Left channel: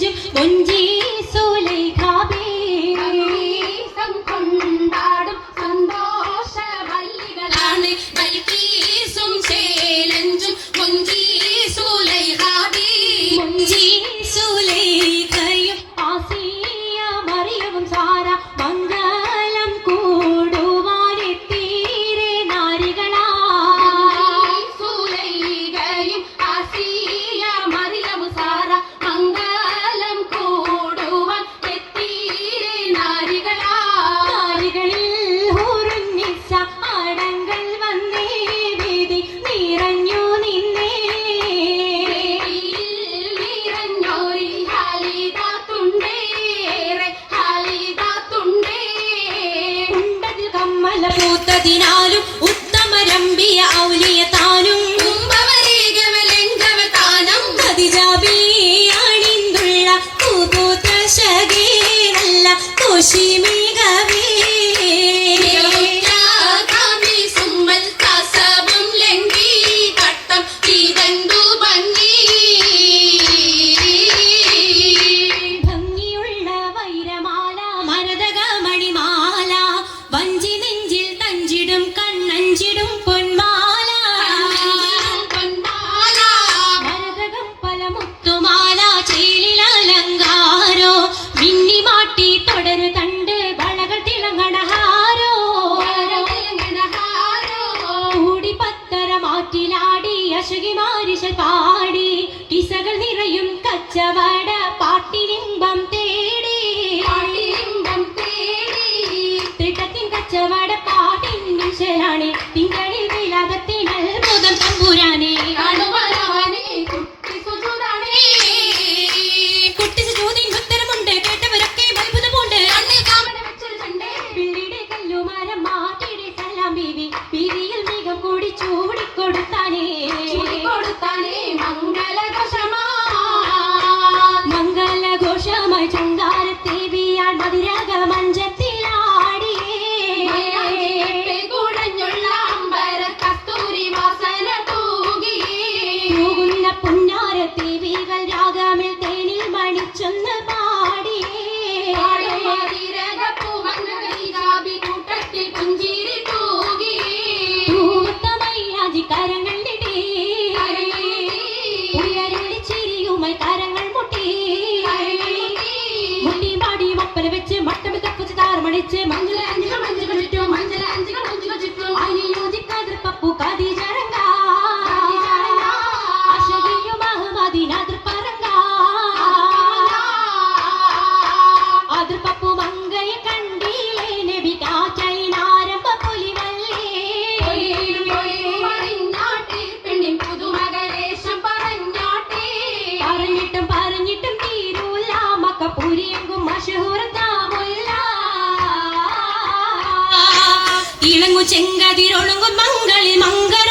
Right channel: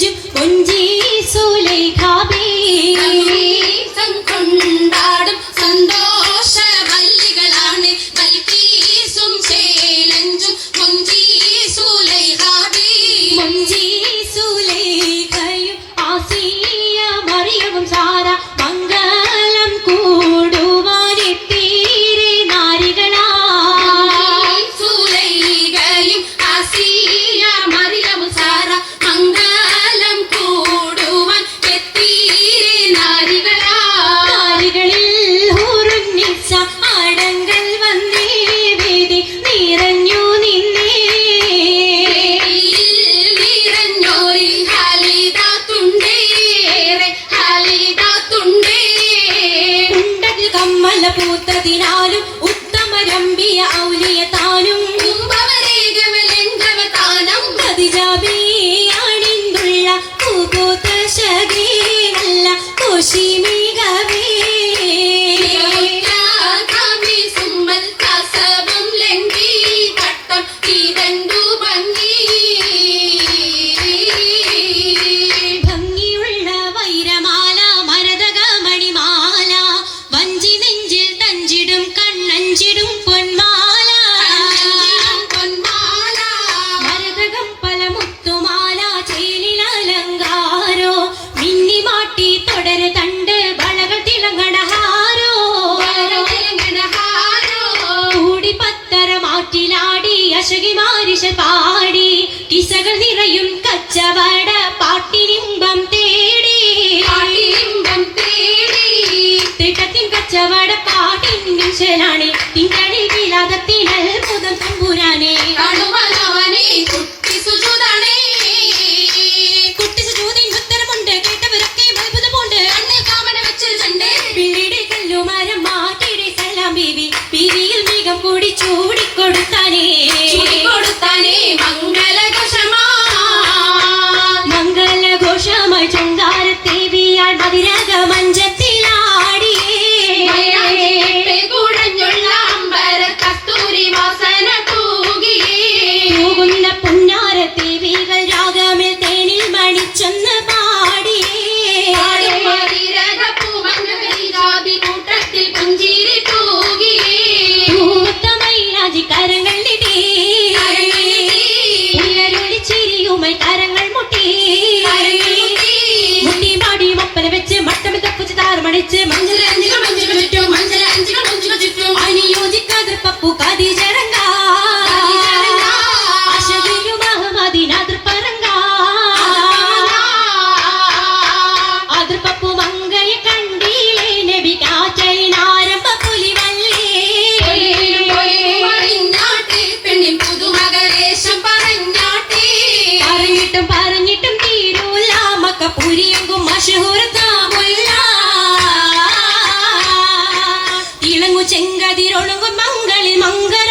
നെഞ്ചും കൊഞ്ചി സുലൈഖാബേ കൊണ്ടാടും സന്തോഷ വല്ലികളാണ് ബൽക്കീസും ചേലഞ്ചും കൊഞ്ചി സുലൈഖാബേ കൊഞ്ചി സുലൈഖയും ആസിയ മറിയവും സാര മംഗളം കൂടുവാനെത്തീരെ നാരികളാ സുലൈഖയും ആസിയ മറിയവും സാര മംഗളം കൂടുവാൻ എത്തീരെ നാരികളാ നാരികളിൽ ഹൂറുന്നിച്ച ആടങ്ങൾ വന്നേ വേദി നിറഞ്ഞു നിന്നേ നിറഞ്ഞോരിൽ ഹാലിദാത്തുണ്ടേറെ ഹാലിദാത്തുണ്ടേ ഉണ്ടതിൽ കമ്മല പൂത്തതിനാലും ഉത്തമരമ്പിയ ഔലിയ താനും കുംഭവരേഖവലെങ്കവതാനം ഖദിജാബിയാണിന്തുള്ള പൂപൂത്ത ശകീനല്ല കോശിമികവേ സുമ്മൽ കസവും ലംഘി തട്ടം ഇതണ്ടു ഭംഗി ഭംഗിയുള്ള വൈരമാല മരതക മണിമാല വഞ്ചി നെഞ്ചിൽ തഞ്ചിടും കണ്ണഞ്ചിടും പൊന്മാല പൊന്മാല മരതകം പല മുത്തുമാല ചേലിൽ അലങ്കാരോ മിന്നി മാട്ടി തുടര് തണ്ട് വളകൾ തിളങ്ങണഹാരോ കൂടി പത്തര മാറ്റിലാടി അശകി മാരിശ പാടി കിസകൾ നിറയും കച്ചവട പാട്ടിനിമ്പം തേടി പാട്ടിലിമ്പം തേടി തിട്ടത്തിൻ കച്ചവട പാട്ടിൻ നിശലാണി തിങ്കളിൽ വിലാദത്തിൻ അത്ഭുതം തമ്പുരാനെ കടുവലവനെ കുട്ടി സുജുതാണേ കുട്ടി സുജൂദിൻ ഉത്തരമുണ്ട് കേട്ടവരൊക്കെ അത്ഭുതമുണ്ട് കണ്ണിൽ കാമന വെച്ച് ചണ്ടേ പിള്ളിയുടെ കല്ലുമരം മാറ്റിയുടെ സലാം ബീവി പിരിയിൽ മികം കൂടി ചൂടിക്കൊടുത്താനേ കൊടുത്താനേ മംഗളഘോഷമാ മംഗളഘോഷമായി ചുങ്കാരത്തേവിയാൾ മതിരക മഞ്ചത്തിലാടിയേ കുടഞ്ഞുള്ള അമ്പര കസ്തൂരി വാസന തൂകിയേ പോകുന്ന പുന്നാരത്തേവികൾ രാഗമിൽ തേനിൽ മണിച്ചൊന്ന് പാടിയേ കൂട്ടത്തിൽ പുഞ്ചിരി തൂകിയേ പൂത്തമൈരാജി കരങ്ങൾ നീട്ടി ഉയരൊളി ചിരിയുമായി കരങ്ങൾ മുട്ടി മുട്ടി പാടി മപ്പന വെച്ച് മട്ടമി തപ്പുച്ച് താറുമണിച്ച് മഞ്ചലഞ്ചികൾ മഞ്ചികൾ ചുറ്റും മഞ്ചലഞ്ചികൾ മഞ്ചികൾ ചുറ്റും അനിയോജിക്കാതെ പപ്പു കതിജരങ്ക അശകിയും അഹമ്മദിനാദർ പറങ്ക അതിർ പപ്പു മങ്കയെ കണ്ടീലേ നബി കാറ്റലിനാരംഭ പുലിവല്ലേ പറഞ്ഞാട്ടെ പെണ്ണിൻ പുതുമകരേശം പറഞ്ഞാട്ടെ പറഞ്ഞിട്ടും പറഞ്ഞിട്ടും തീരൂല മക്കപ്പുരിയെങ്കും മഷഹൂറത്താമുല്ല ഇളങ്ങു ചെങ്കതിരൊണങ്ങും മംഗളിൽ മംഗര